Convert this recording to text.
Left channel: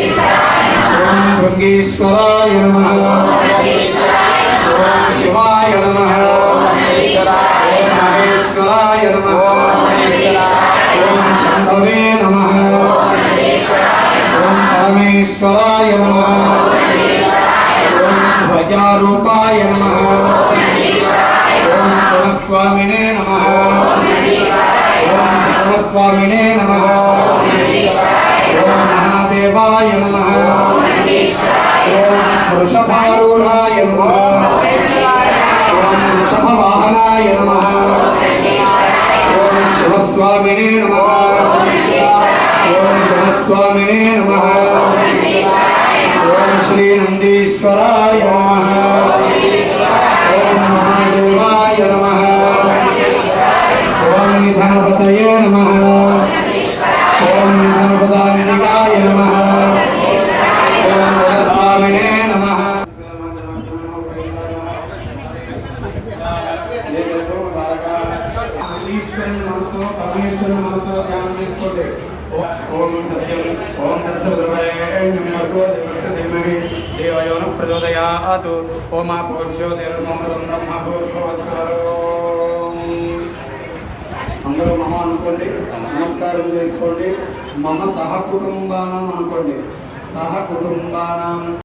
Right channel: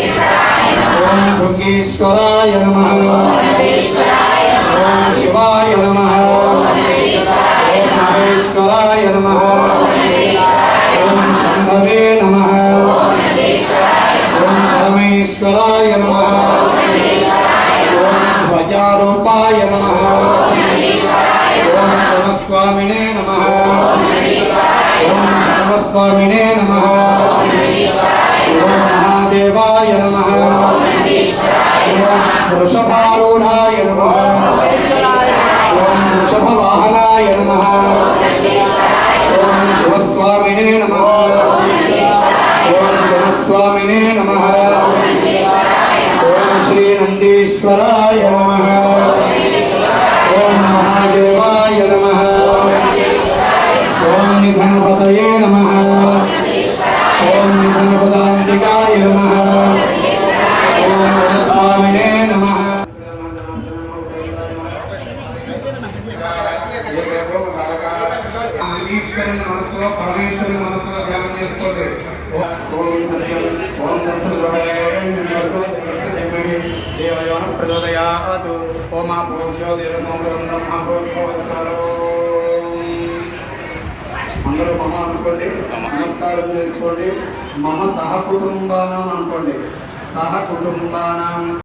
ఓం భృంగీశ్వరాయ నమః ఓం శివాయ నమః ఓం మహేశ్వరాయ నమః ఓం శంభవే నమః ఓం పరమేశ్వరాయ నమః ఓం ధ్వజారూపాయ నమః ఓం పునఃస్వామినే నమః ఓం సర్వస్వామినే నమః ఓం మహాదేవాయ నమః ఓం వృషభారూఢాయ నమః ఓం వృషభవాహనాయ నమః ఓం శివస్వామినే నమః ఓం గణస్వామినే నమః ఓం శ్రీనందీశ్వరాయ నమః ఓం మహాదేవాయ నమః ఓం నిధనపతయే నమః ఓం నిధనపదాంబికాయ నమః ఓం గణస్వామినే నమః ఈశ్వరుని మనసులో పరమేశ్వరుని మనసులో ధ్యానం చేసుకోండి. ఓం సత్యం ఓం దేవయోన ప్రచోదయాత్ ఓం ఆపూర్వో అందరూ మమ అనుకోండి, నమస్కారం చేసుకోండి. మమ సహకుటుంబానం అనుకోండి. సహకుటుంబానం